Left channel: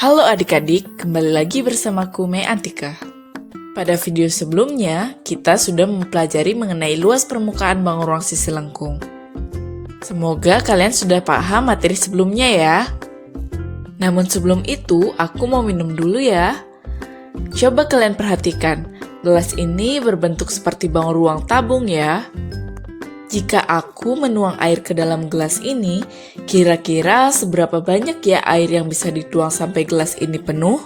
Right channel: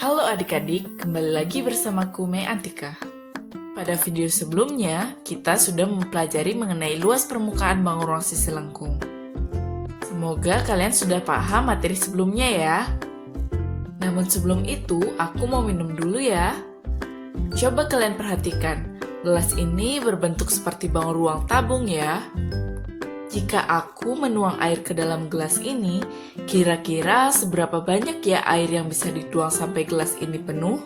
Halo adik-adik, kembali lagi bersamaku Mei Antika. Pada video sebelumnya, kita sudah mempelajari mengenai luas permukaan bangun ruang sisi lengkung. Semoga kalian sudah paham materi sebelumnya ya. Namun sebelum itu, aku mau minum dulu ya. Coba kalian perhatikan, gelas ini berbentuk seperti bangun ruang tabung ya. Jika aku menuang air ke dalam gelas ini, kira-kira seberapa banyak ya air yang bisa dituang sampai gelas ini penuh?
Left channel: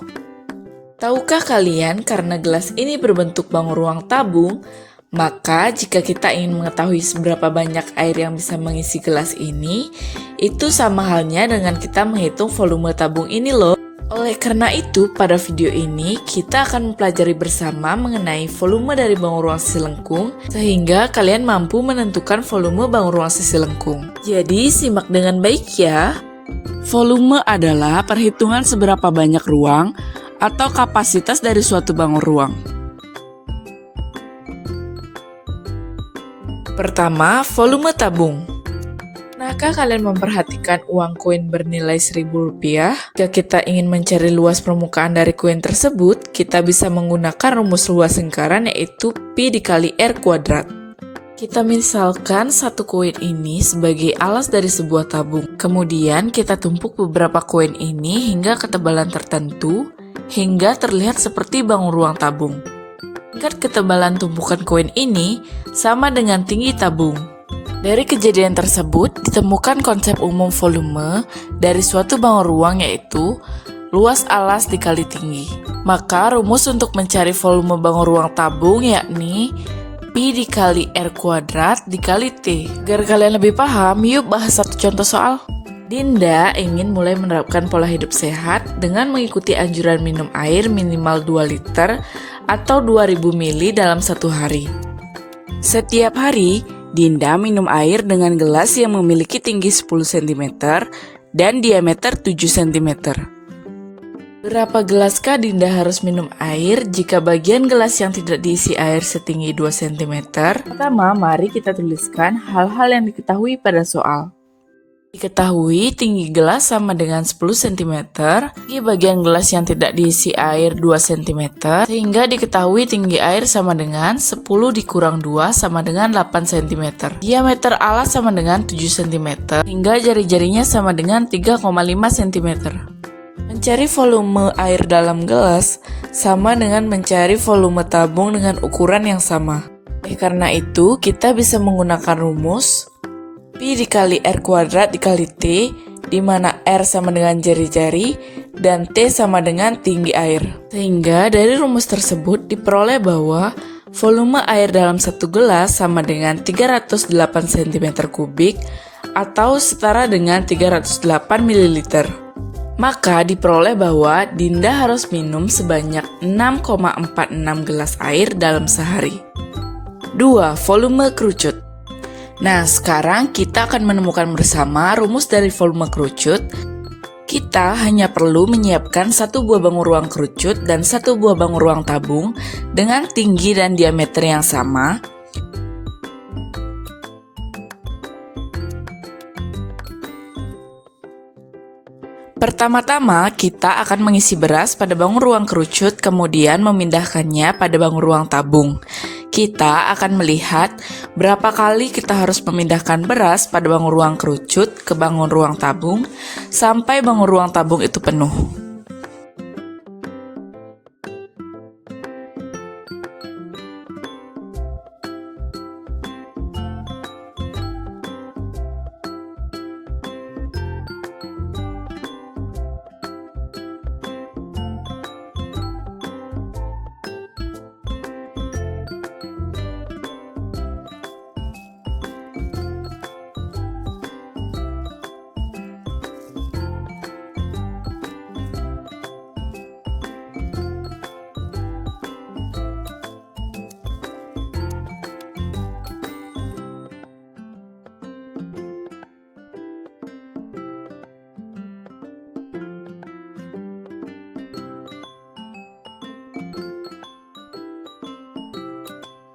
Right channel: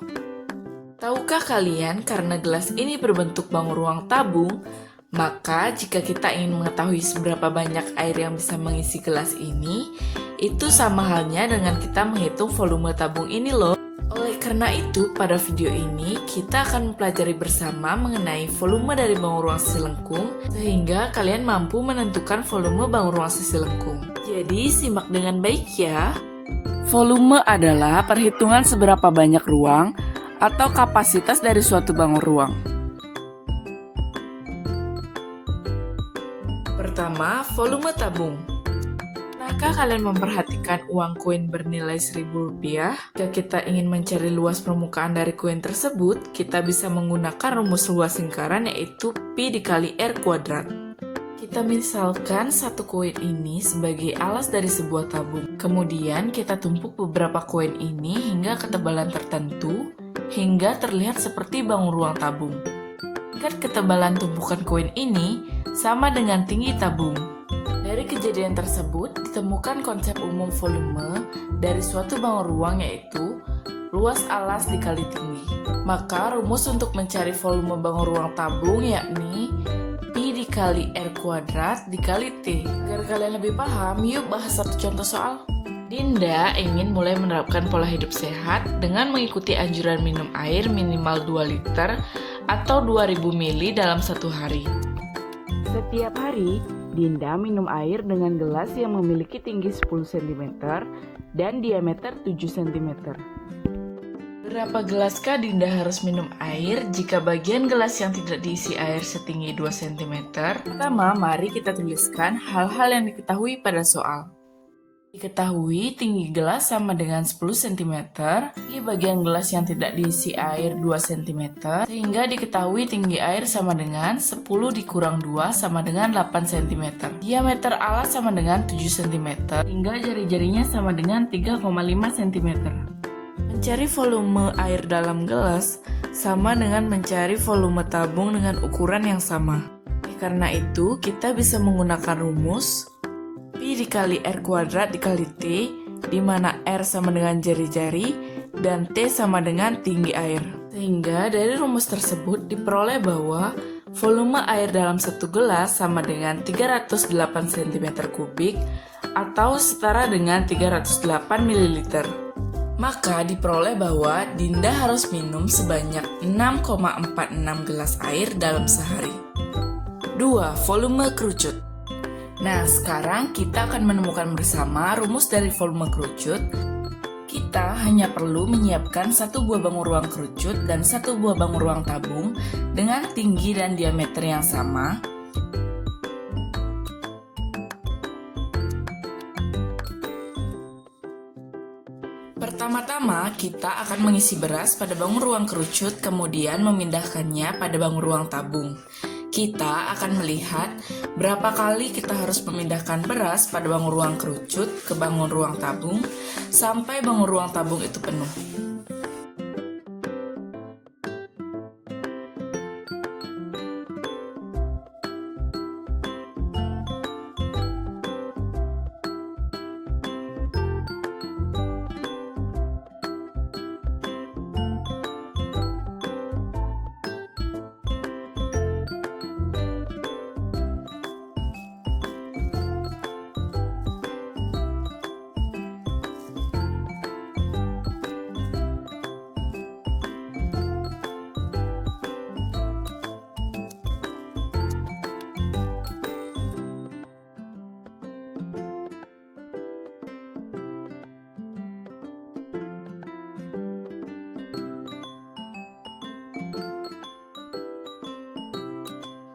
Tahukah kalian karena gelas ini berbentuk bangun ruang tabung, maka jika kita ingin mengetahui seberapa banyak air yang bisa mengisi gelas ini, itu sama halnya dengan kita menghitung volume tabung ini loh. Oleh karena itu, pada video ini kita akan mempelajari bersama mengenai volume dari bangun ruang sisi lengkung, sehingga kalian mampu menentukan volume bangun ruang sisi lengkung. Jadi, simak dengan baik ya. Volume adalah perhitungan seberapa banyak ruang atau kapasitas dari suatu bangun ruang. Pertama, volume tabung. Pernahkah kalian memperhatikan uang koin bernilai Rp1.000? Jika kita ingin mencari luas permukaan dari koin tersebut, kita bisa menggunakan rumus luas lingkaran yaitu Pi dikali R kuadrat. Kita misalkan satu koin ini sebagai alas dari sebuah tabung. Kemudian kita tumpuk beberapa koin ini hingga ketebalan tertentu, hingga terlihat seperti bangun ruang tabung. Tingkat ketebalan tumpukan koin ini sama dengan tinggi tabung. Dari kejadian tersebut, ditemukan konsep umum volume dari suatu bangun ruang yaitu luas alas dikali tinggi. Maka rumus untuk mencari volume bangun ruang tabung yakni Pi dikali R kuadrat dikali T. Agar kalian lebih paham, yuk bahas satu contoh soal. Dinda ingin mulai menerapkan pola hidup sehat dengan mengikuti anjuran minum air minimal 2 liter atau 2000 ml dalam satu hari. Setiap hari, Dinda minum air dengan gelas yang memiliki tinggi 10 cm dan diameter 7 cm. Berapa gelaskah Dinda harus minum air jika bagian gelas yang tidak diisi air setinggi 2 cm? Pertama, mari kita tuliskan hal-hal yang diketahui pada soal. Diketahui tinggi gelas sama dengan 10 cm, di bagian gelas yang tidak diisi air 2 cm, sehingga diketahui tinggi air sama dengan 10 dikurang 2 sama dengan 8 cm. Diameter alas sama dengan 7 cm, hingga jari-jarinya sama dengan 3,5 cm. Mencari volume air dalam gelas sama dengan mencari volume tabung dengan ukuran yang sama. Karena itu, kita bisa menggunakan rumus Pi dikali R kuadrat dikali T, di mana R sama dengan jari-jari dan T sama dengan tinggi air. Sehingga dari rumus tersebut diperoleh bahwa volume air dalam satu gelas sama dengan 308 cm3 atau setara dengan 308 ml. Maka diperoleh bahwa Dinda harus minum sebanyak 6,46 gelas air dalam sehari. 2. Volume kerucut. Nah, sekarang kita akan menemukan bersama rumus dari volume kerucut. Kita hanya perlu menyiapkan satu buah bangun ruang kerucut dan satu buah bangun ruang tabung dengan tinggi dan diameter yang sama. Pertama-tama, kita akan mengisi beras pada bangun ruang kerucut, kemudian memindahkannya pada bangun ruang tabung. Kita akan melihat berapa kali kita harus memindahkan beras pada bangun ruang kerucut ke bangun ruang tabung sampai bangun ruang tabung itu penuh.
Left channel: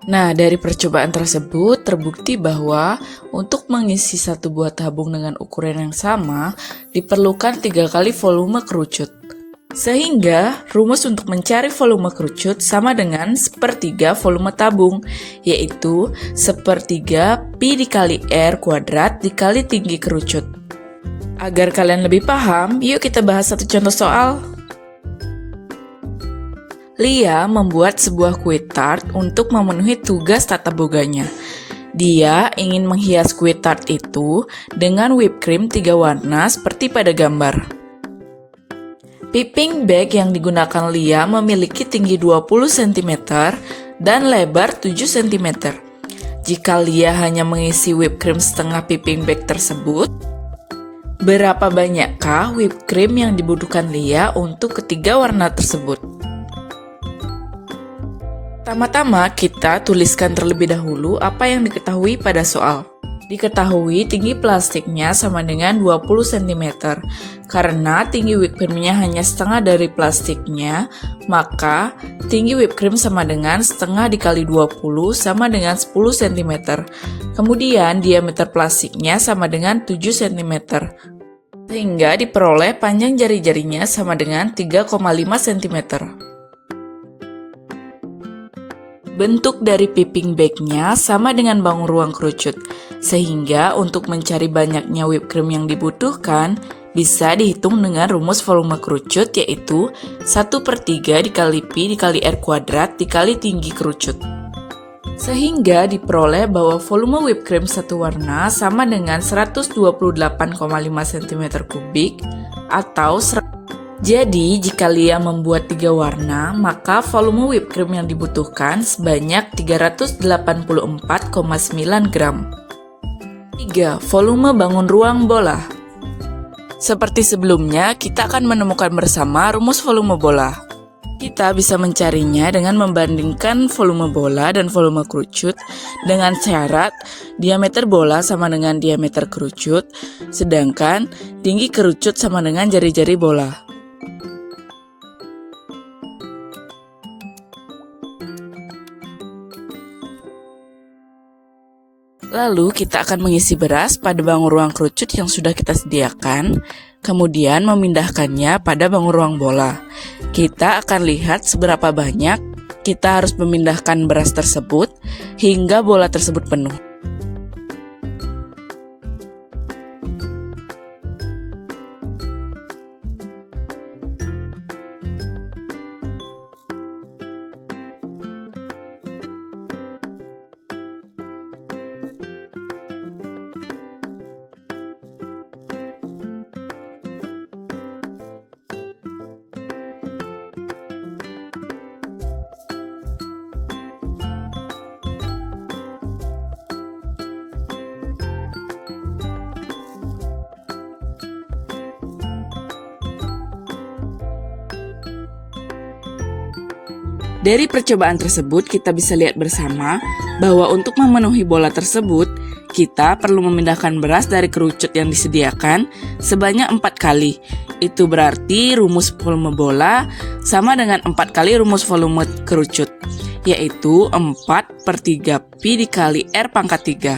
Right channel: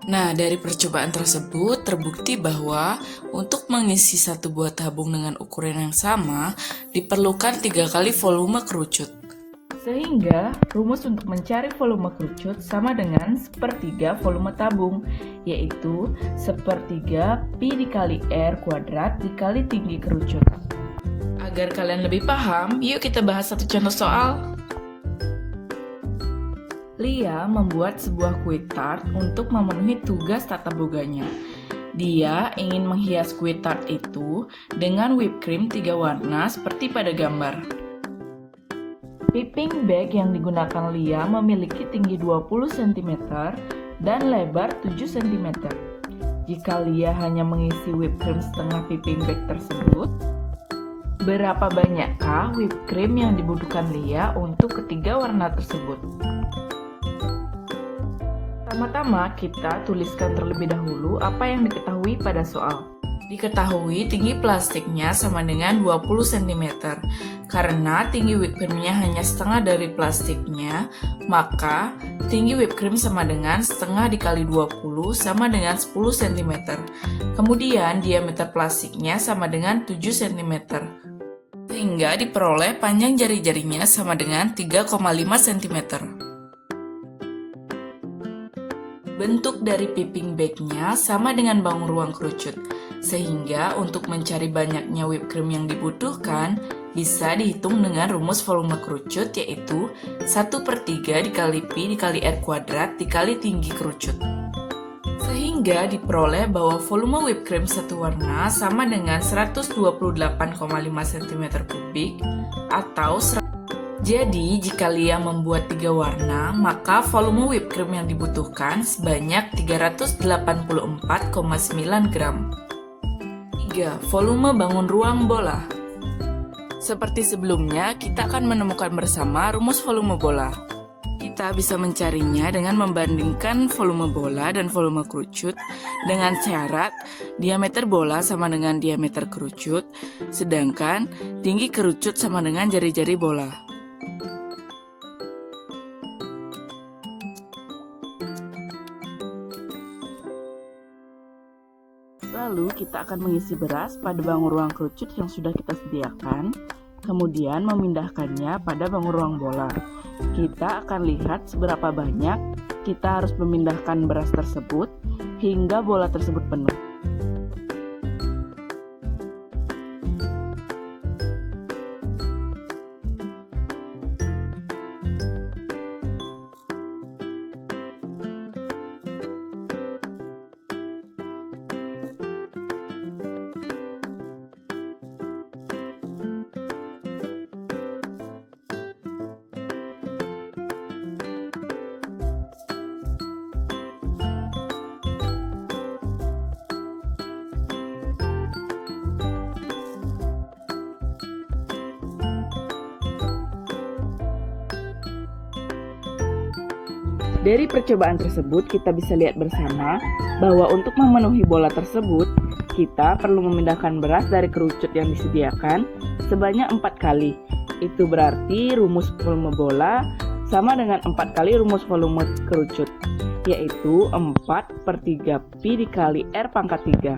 Nah, dari percobaan tersebut terbukti bahwa untuk mengisi satu buah tabung dengan ukuran yang sama diperlukan 3 kali volume kerucut. Sehingga rumus untuk mencari volume kerucut sama dengan sepertiga volume tabung, yaitu sepertiga pi dikali R kuadrat dikali tinggi kerucut. Agar kalian lebih paham, yuk kita bahas satu contoh soal. Lia membuat sebuah kue tart untuk memenuhi tugas tata boganya. Dia ingin menghias kue tart itu dengan whipped cream 3 warna seperti pada gambar. Piping bag yang digunakan Lia memiliki tinggi 20 cm dan lebar 7 cm. Jika Lia hanya mengisi whipped cream setengah piping bag tersebut, berapa banyakkah whipped cream yang dibutuhkan Lia untuk ketiga warna tersebut? Pertama-tama kita tuliskan terlebih dahulu apa yang diketahui pada soal. Diketahui tinggi plastiknya sama dengan 20 cm. Karena tinggi whipped creamnya hanya setengah dari plastiknya, maka tinggi whipped cream sama dengan setengah dikali 20 sama dengan 10 cm. Kemudian diameter plastiknya sama dengan 7 cm. Sehingga diperoleh panjang jari-jarinya sama dengan 3,5 cm. Bentuk dari piping bag-nya sama dengan bangun ruang kerucut, sehingga untuk mencari banyaknya whipped cream yang dibutuhkan, bisa dihitung dengan rumus volume kerucut, yaitu 1/3 dikali pi dikali R kuadrat dikali tinggi kerucut. Sehingga diperoleh bahwa volume whipped cream satu warna sama dengan 128,5 cm3 atau Jadi, jika Lia membuat 3 warna, maka volume whipped cream yang dibutuhkan sebanyak 384,9 gram. 3. Volume bangun ruang bola. Seperti sebelumnya, kita akan menemukan bersama rumus volume bola. Kita bisa mencarinya dengan membandingkan volume bola dan volume kerucut dengan syarat diameter bola sama dengan diameter kerucut, sedangkan tinggi kerucut sama dengan jari-jari bola. Lalu kita akan mengisi beras pada bangun ruang kerucut yang sudah kita sediakan, kemudian memindahkannya pada bangun ruang bola. Kita akan lihat seberapa banyak kita harus memindahkan beras tersebut hingga bola tersebut penuh. Dari percobaan tersebut, kita bisa lihat bersama bahwa untuk memenuhi bola tersebut, kita perlu memindahkan beras dari kerucut yang disediakan sebanyak 4 kali. Itu berarti rumus volume bola sama dengan 4 kali rumus volume kerucut, yaitu 4/3 pi dikali R pangkat 3.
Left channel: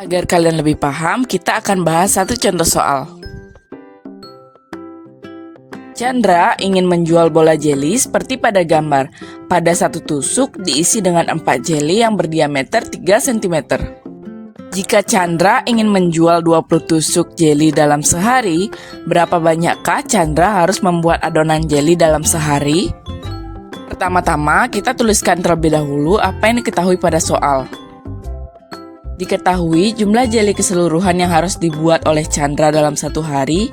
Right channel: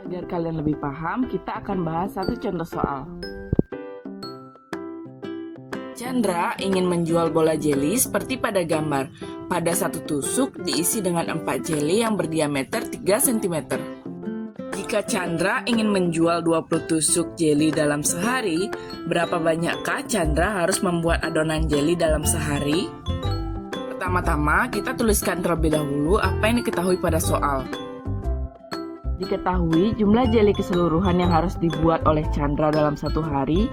Agar kalian lebih paham, kita akan bahas satu contoh soal. Chandra ingin menjual bola jeli seperti pada gambar. Pada satu tusuk diisi dengan 4 jeli yang berdiameter 3 cm. Jika Chandra ingin menjual 20 tusuk jeli dalam sehari, berapa banyakkah Chandra harus membuat adonan jeli dalam sehari? Pertama-tama, kita tuliskan terlebih dahulu apa yang diketahui pada soal. Diketahui jumlah jeli keseluruhan yang harus dibuat oleh Chandra dalam satu hari,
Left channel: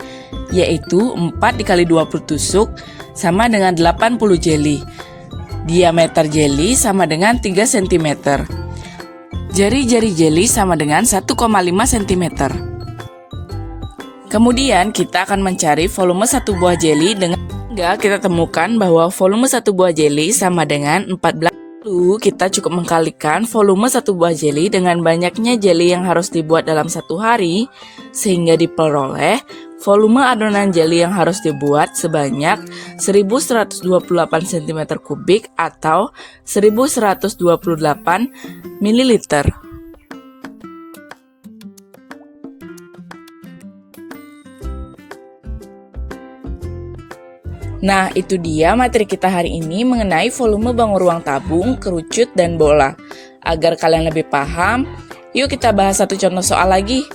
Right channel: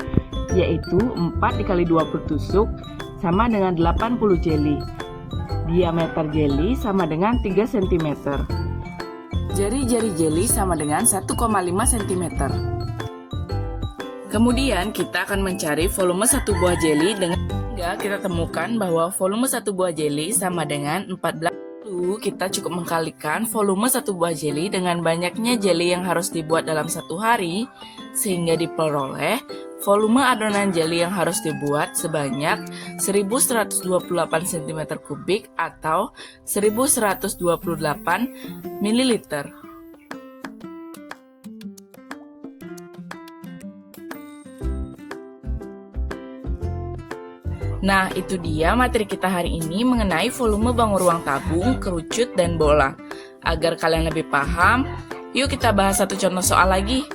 yaitu 4 dikali 20 tusuk sama dengan 80 jeli. Diameter jeli sama dengan 3 cm. Jari-jari jeli sama dengan 1,5 cm. Kemudian kita akan mencari volume satu buah jeli dengan hingga kita temukan bahwa volume satu buah jeli sama dengan 14. Lalu kita cukup mengkalikan volume satu buah jeli dengan banyaknya jeli yang harus dibuat dalam satu hari, sehingga diperoleh volume adonan jeli yang harus dibuat sebanyak 1128 cm3 atau 1128 ml. Nah, itu dia materi kita hari ini mengenai volume bangun ruang tabung, kerucut, dan bola. Agar kalian lebih paham, yuk kita bahas satu contoh soal lagi.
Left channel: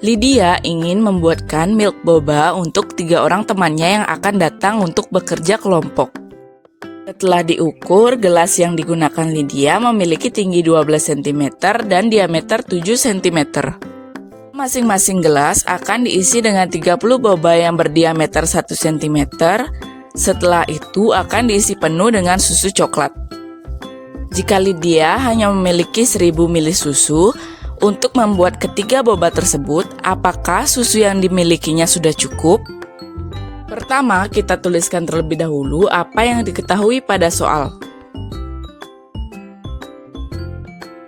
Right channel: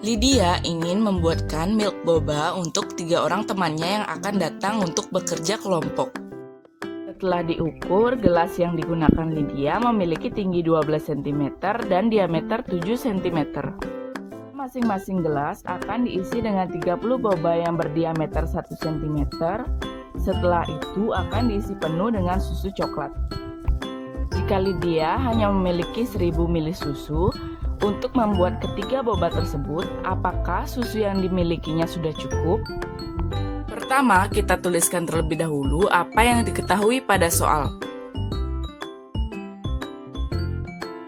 Lydia ingin membuatkan milk boba untuk 3 orang temannya yang akan datang untuk bekerja kelompok. Setelah diukur, gelas yang digunakan Lydia memiliki tinggi 12 cm dan diameter 7 cm. Masing-masing gelas akan diisi dengan 30 boba yang berdiameter 1 cm. Setelah itu akan diisi penuh dengan susu coklat. Jika Lydia hanya memiliki 1000 ml susu, untuk membuat ketiga boba tersebut, apakah susu yang dimilikinya sudah cukup? Pertama, kita tuliskan terlebih dahulu apa yang diketahui pada soal.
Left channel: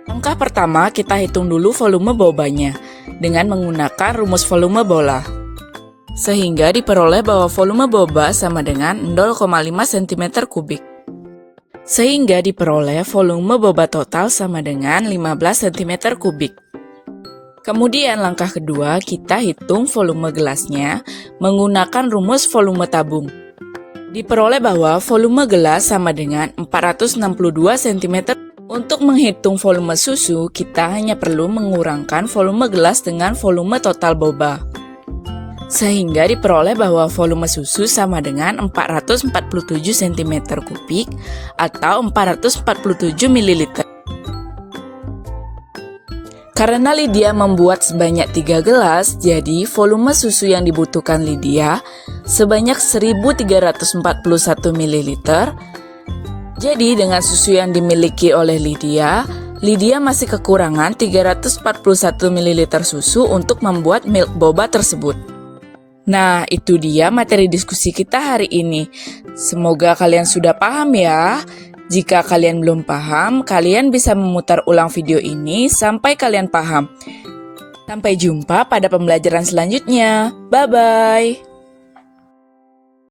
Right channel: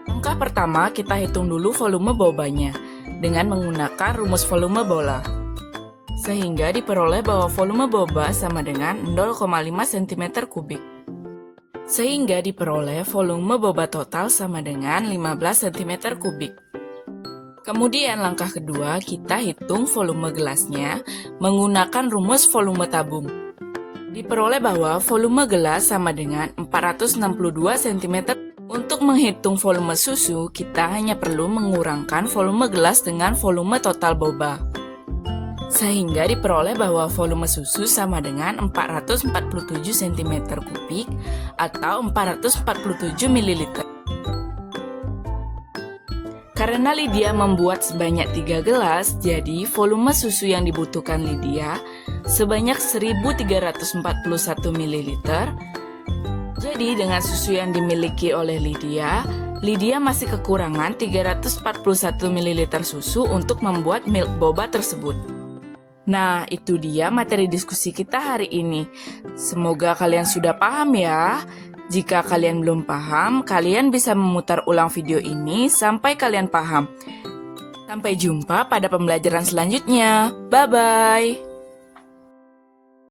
Langkah pertama, kita hitung dulu volume bobanya dengan menggunakan rumus volume bola. Sehingga diperoleh bahwa volume boba sama dengan 0,5 cm kubik. Sehingga diperoleh volume boba total sama dengan 15 cm kubik. Kemudian langkah kedua, kita hitung volume gelasnya menggunakan rumus volume tabung. Diperoleh bahwa volume gelas sama dengan 462 cm. Untuk menghitung volume susu, kita hanya perlu mengurangkan volume gelas dengan volume total boba. Sehingga diperoleh bahwa volume susu sama dengan 447 cm kubik atau 447 ml. Karena Lydia membuat sebanyak 3 gelas, jadi volume susu yang dibutuhkan Lydia sebanyak 1341 ml. Jadi dengan susu yang dimiliki oleh Lydia, Lydia masih kekurangan 341 ml susu untuk membuat milk boba tersebut. Nah, itu dia materi diskusi kita hari ini. Semoga kalian sudah paham ya. Jika kalian belum paham, kalian bisa memutar ulang video ini sampai kalian paham. Sampai jumpa pada pembelajaran selanjutnya. Bye-bye.